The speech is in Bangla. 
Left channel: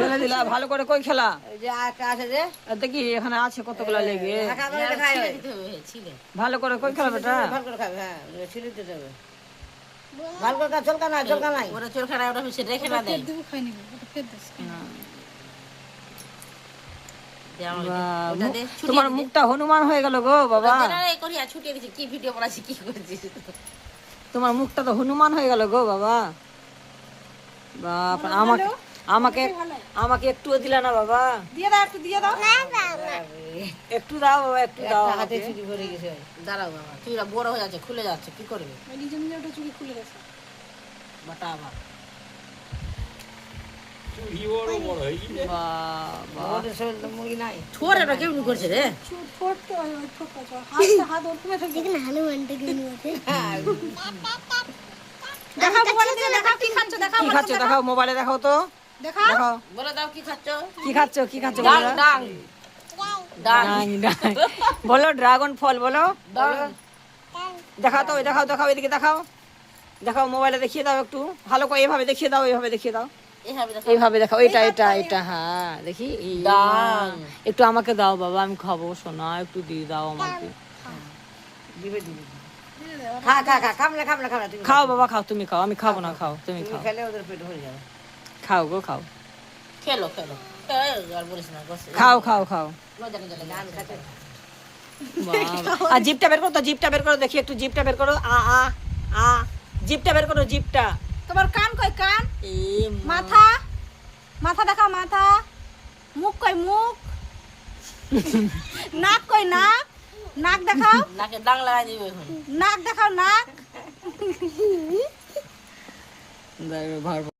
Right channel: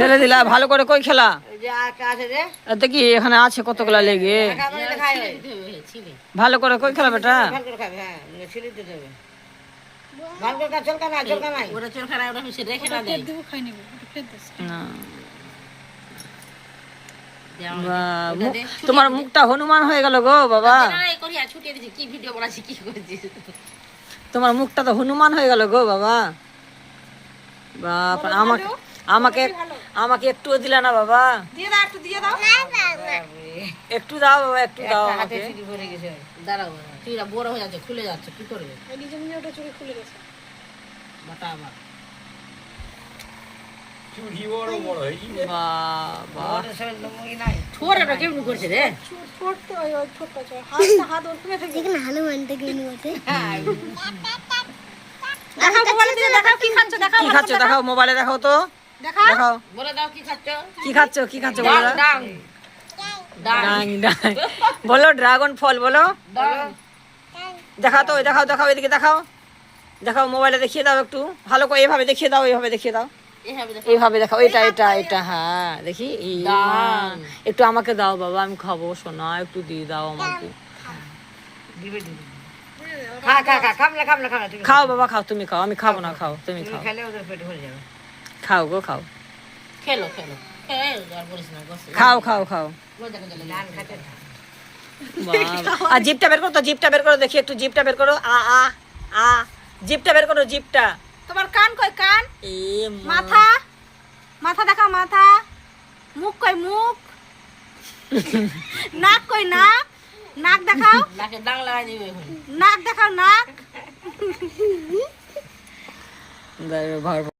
ফেলে দিলা ভালো করে কই খেলা দেখি এখানে আছে কতগুলা লেগে ভালো করে কই খেলা বেটা তোমার মুখটা হনুমান হয়ে গেল গো বাবা তোমার মুখটা তো হনুমান হয়ে গেল গো বাবা বাপ আমাকে আমাকে আমাকে একটুও দিলা না বাবা একটু দাও বাবা একটু দাও আমাকে দাঁড়াও বাবা চুড়িটা বড় হয়ে যাচ্ছে খুলে যাচ্ছে কি করবে বাটা বাবা চুড়ি বড় বড় হই বাবা ছোট এটা কেমন করছে রে কি খাচ্ছ দেখাও মোবাইলে দেখাও তো দেখাও বলে দাও কি খাচ্ছ কি খাচ্ছ বলো দাও ডাং ডাং বলো ড্রাগন ফল বলো দেখাও তো দেখাও দেখাও এদিকে দেখাও দেখাও মোবাইলে দেখিয়ে দাও একটু ভালো করে এইভাবে দেখিয়ে দাও এইভাবে দেখিয়ে দাও এইভাবে দেখাও এটা এটা এটা হ্যাঁ দেখি একটু আমাকে দাও বাবা আমি খাবো সোনা একটু দিয়ে দাও আমাকে খাও বাবা খাও তুমি খাও আমি খাবো না খাও তুমি খাও খাও গো খাও খেলো খেলো খাও খাও খাও আর জিপটা বের করো তো জিপটা বের করো দেখি একটু জিপটা বের করো আ আ আ জিপটা বের করো জিপটা তোমার কান কই কান এ মাথা মাথা দেখাও মাথা মুখ কই মুখ নাক কই নাক নাক দেখাও নাকে ডাং লাগাই দিবে এখন নাক দেখাও নাক ভার